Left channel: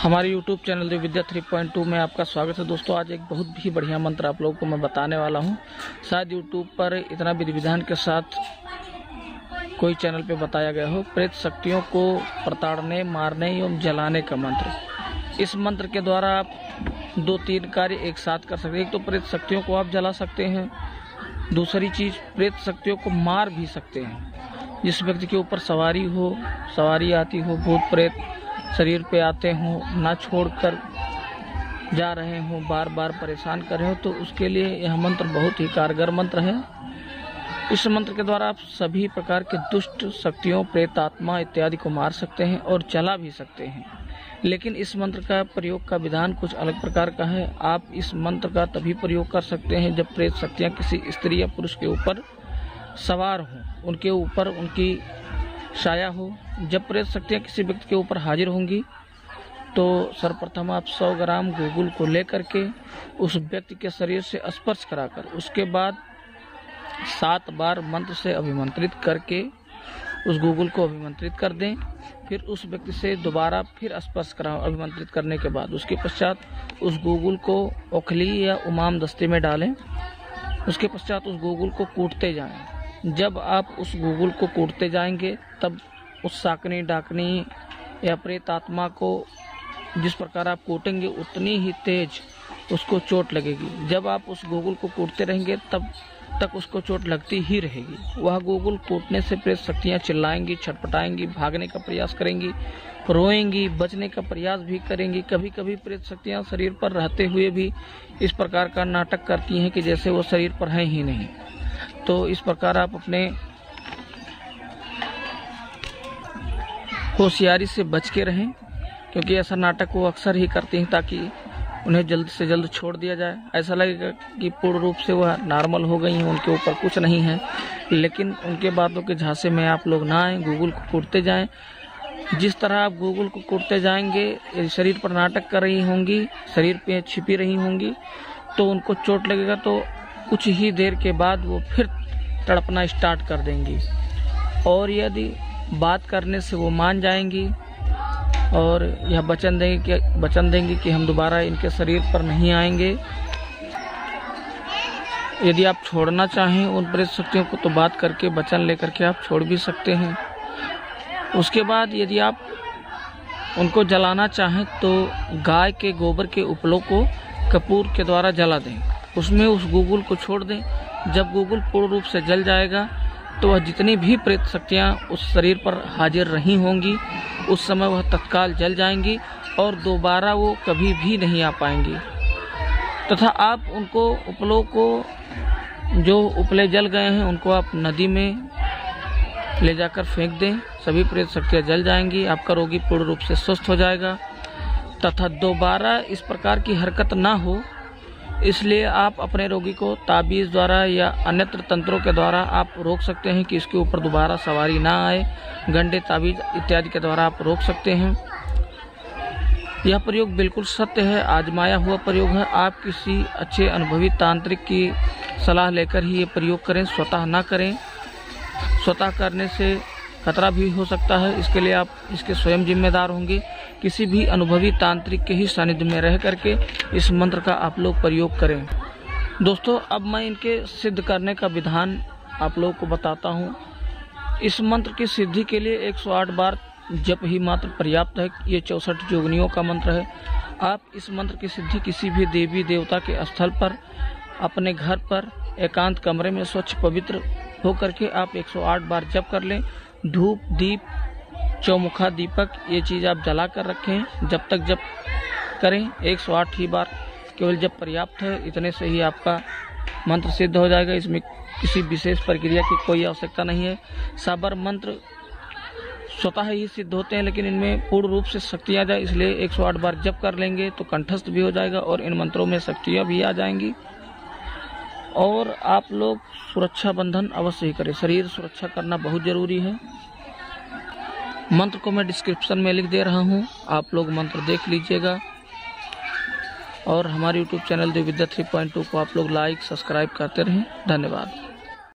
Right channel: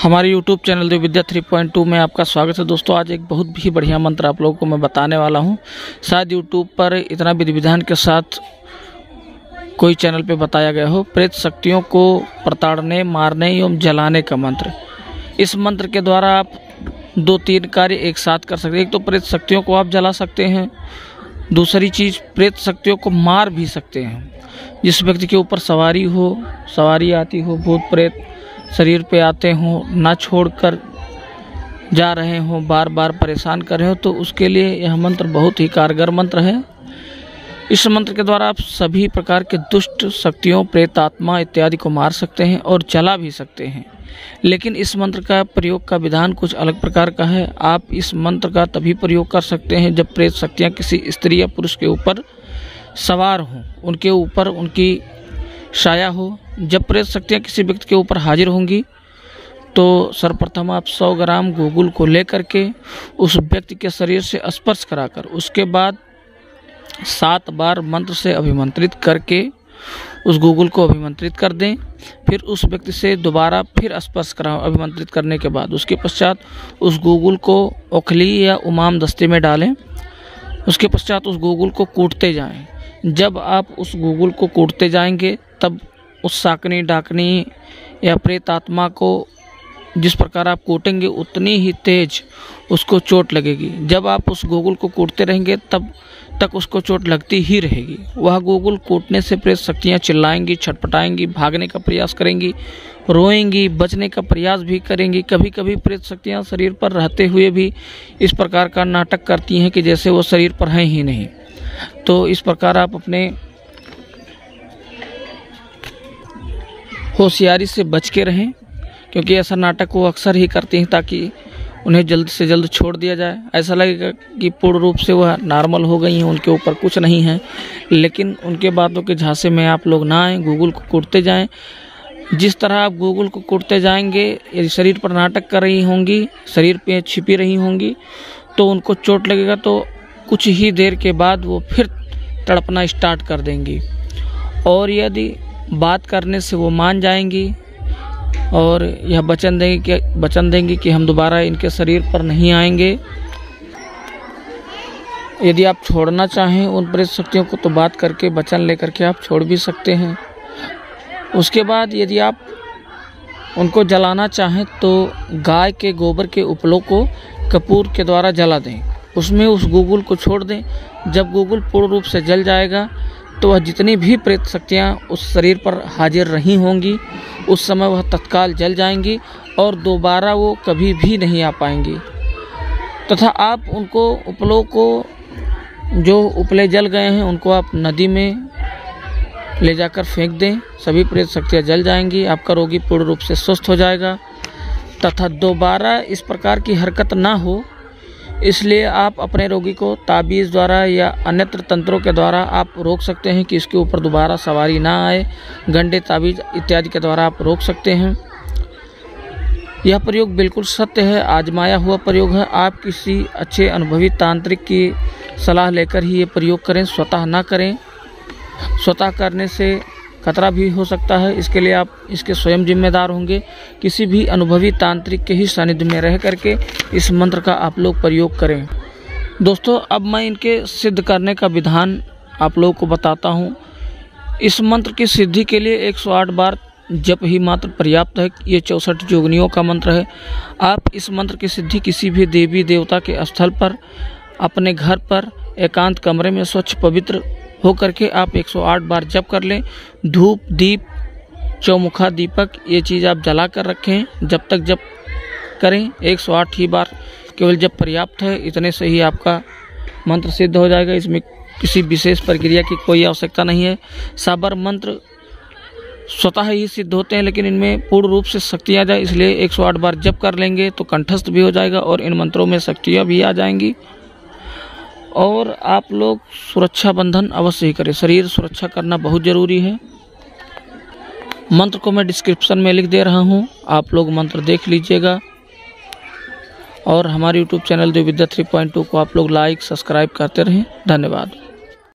हमारे YouTube channel देवविद्या 3.2 में आपका स्वागत है। दोस्तों, आज एक बहुत ही बढ़िया मंत्र आप लोगों को मैं बताने वाला हूं। शायद YouTube पर इतना विधि विधान के साथ कोई चैनल पे बताया गया हो। प्रेत शक्तियों को प्रताड़ने, मारने एवं जलाने का मंत्र। इस मंत्र के द्वारा आप 2-3 कार्य एक साथ कर सकते हैं। एक तो प्रेत शक्तियों को आप जला सकते हैं, दूसरी चीज़ प्रेत शक्तियों को मार भी सकते हैं। जिस व्यक्ति के ऊपर सवारी आती हो, भूत प्रेत शरीर पे आते हों, ना छोड़कर जा रहे हों, बार बार परेशान कर रहे हो, तो उसके लिए यह मंत्र बहुत ही कारगर मंत्र है। इस मंत्र के द्वारा आप सभी प्रकार के दुष्ट शक्तियों, प्रेत आत्मा इत्यादि को मार सकते हैं और जला भी सकते हैं। लेकिन इस मंत्र का प्रयोग का विधान कुछ अलग प्रकार का है। आप इस मंत्र का तभी प्रयोग कर सकते हैं जब प्रेत शक्तियाँ किसी स्त्री या पुरुष के ऊपर सवार हों, उनके ऊपर उनकी छाया हो। जब प्रेत शक्तियाँ किसी व्यक्ति के ऊपर हाजिर होंगी तो सर्वप्रथम आप 100 ग्राम गूगल को लेकर के उस व्यक्ति के शरीर से स्पर्श कराकर उसके बाद 7 बार मंत्र से अभिमंत्रित करके उस गूगल को अभिमंत्रित कर दें। फिर उस व्यक्ति से दोबारा फिर स्पर्श कराओ अभिमंत्रित करने के बाद। उसके पश्चात उस गूगल को ओखली या उमाम दस्ते में डालें। उसके पश्चात उस गूगल को कूटते जाएं। जब आप उस गूगल को कूटते जाएंगे तब उस साकनी डाकनी या प्रेत आत्मा को जिस प्रकार आप कूटेंगे उतनी ही तेज उसको चोट लगेगी। जब आप उस गूगल को कूटते रहेंगे तब तक उसको चोट लगती ही रहेगी। वह गूगल कूटने से प्रेत शक्तियाँ चिल्लाएंगी, छटपटाएंगी, भागने का प्रयास करेंगी, रोएंगी, बचने का प्रयास भी करेंगी। कभी कभी प्रेत शक्तियाँ शरीर पर रहते हुए भी इस प्रकार का नाटक करती हैं कि जैसे वो शरीर पर हैं ही नहीं। तो इस प्रकार आप अपने होशियारी से बच के रहें, क्योंकि ऐसा नाटक वो अक्सर ही करती हैं ताकि उन्हें जल्द से जल्द छोड़ दिया जाए। ऐसा लगेगा कि पूर्ण रूप से वह नॉर्मल हो गई हैं, उनके ऊपर कुछ नहीं है। लेकिन उनके बातों के झांसे में आप लोग ना आएँ, गूगल को कूटते जाएं। जिस तरह आप गूगल को कूटते जाएंगे, यदि शरीर पर नाटक कर रही होंगी, शरीर पे छिपी रही होंगी, तो उनको चोट लगेगा तो कुछ ही देर के बाद वो फिर तड़पना स्टार्ट कर देंगी। और यदि बात करने से वो मान जाएंगी और यह वचन देंगी कि हम दोबारा इनके शरीर पर नहीं आएंगे। यदि आप छोड़ना चाहें उन प्रेत शक्तियों को तो बात करके वचन लेकर के आप छोड़ भी सकते हैं। उसके बाद यदि आप उनको जलाना चाहें तो गाय के गोबर के उपलों को कपूर के द्वारा जला दें। उसमें उस गूगल को छोड़ दें। जब गूगल पूर्ण रूप से जल जाएगा तो वह जितनी भी प्रेत शक्तियाँ उस शरीर पर हाजिर रही होंगी उस समय वह तत्काल जल जाएंगी और दोबारा वो कभी भी नहीं आ पाएंगी। तथा आप उनको उपलों को, जो उपले जल गए हैं, उनको आप नदी में ले जाकर फेंक दें। सभी प्रेत शक्तियाँ जल जाएंगी, आपका रोगी पूर्ण रूप से स्वस्थ हो जाएगा। तथा दोबारा इस प्रकार की हरकत ना हो, इसलिए आप अपने रोगी को ताबीज़ द्वारा या अन्यत्र तंत्रों के द्वारा आप रोक सकते हैं कि इसके ऊपर दोबारा सवारी ना आए। गंडे, ताबीज़ इत्यादि के द्वारा आप रोक सकते हैं। यह प्रयोग बिल्कुल सत्य है, आजमाया हुआ प्रयोग है। आप किसी अच्छे अनुभवी तांत्रिक की सलाह लेकर ही ये प्रयोग करें, स्वतः ना करें। स्वतः करने से खतरा भी हो सकता है, इसके लिए आप इसके स्वयं जिम्मेदार होंगे। किसी भी अनुभवी तांत्रिक के ही सानिध्य में रह करके इस मंत्र का आप लोग प्रयोग करें। दोस्तों, अब मैं इनके सिद्ध करने का विधान आप लोगों को बताता हूँ। इस मंत्र की सिद्धि के लिए 108 बार जप ही मात्र पर्याप्त है। ये 64 जोगनियों का मंत्र है। आप इस मंत्र की सिद्धि किसी भी देवी देवता के स्थल पर, अपने घर पर, एकांत कमरे में स्वच्छ पवित्र होकर के आप 108 बार जप कर लें। धूप, दीप, चौमुखा दीपक ये चीज़ आप जला कर रखें। जब तक जप करें 108 ही बार केवल जप पर्याप्त है। इतने से ही आपका मंत्र सिद्ध हो जाएगा। इसमें किसी विशेष प्रक्रिया की कोई आवश्यकता नहीं है। साबर मंत्र स्वतः ही सिद्ध होते हैं, लेकिन इनमें पूर्ण रूप से शक्ति आ जाए, इसलिए 108 बार जप कर लेंगे तो कंठस्थ भी हो जाएगा और इन मंत्रों में शक्तियाँ भी आ जाएंगी। और आप लोग सुरक्षा बंधन अवश्य ही करें। शरीर सुरक्षा करना बहुत ज़रूरी है। मंत्र को मैं डिस्क्रिप्शन में लिख दे रहा हूँ, आप लोग मंत्र देख लीजिएगा। और हमारे YouTube चैनल देवविद्या 3.2 को आप लोग लाइक, सब्सक्राइब करते रहें। धन्यवाद।